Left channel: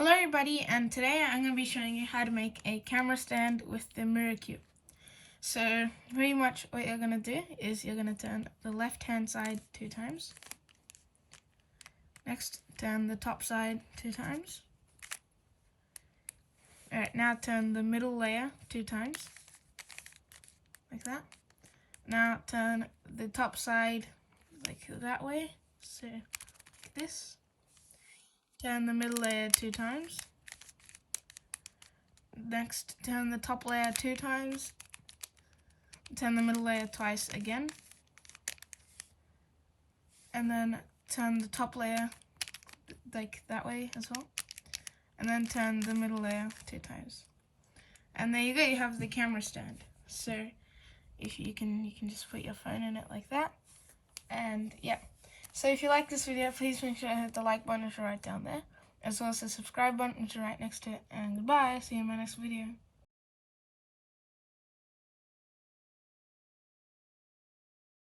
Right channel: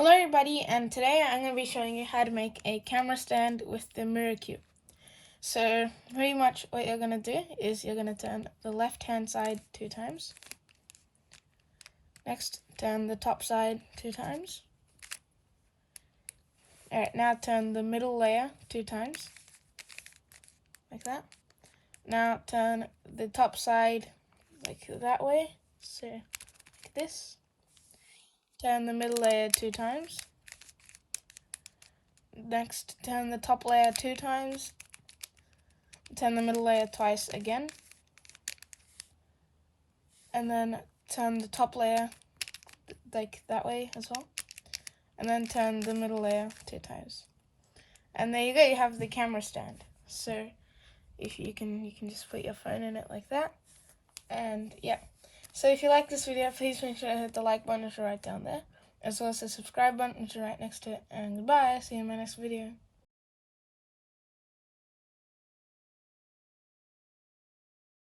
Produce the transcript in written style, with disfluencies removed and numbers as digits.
Hello everybody, and today I'm going to be showing you how to make a camera stand with the Mirror Cube. So pretty much what you're going to do is you're going to turn the left hand side 2 times. Next, turn the top side 2 times. Alright, now turn the middle layer 2 times, like that. Now turn the top side like that way, so like this. Turn the middle layer 2 times. Next, turn the top layer 2 times. Turn the middle layer twice again. And then turn the top layer like that way as well. And then turn the middle layer 2 times. And there you go, you have the camera stand. So if you can just put your phone in it like that. And yeah. So if you like this video, please make sure to hit the like button, which is right down there, as well as the subscribe button, which is right next to it. And goodbye, see you in my next video.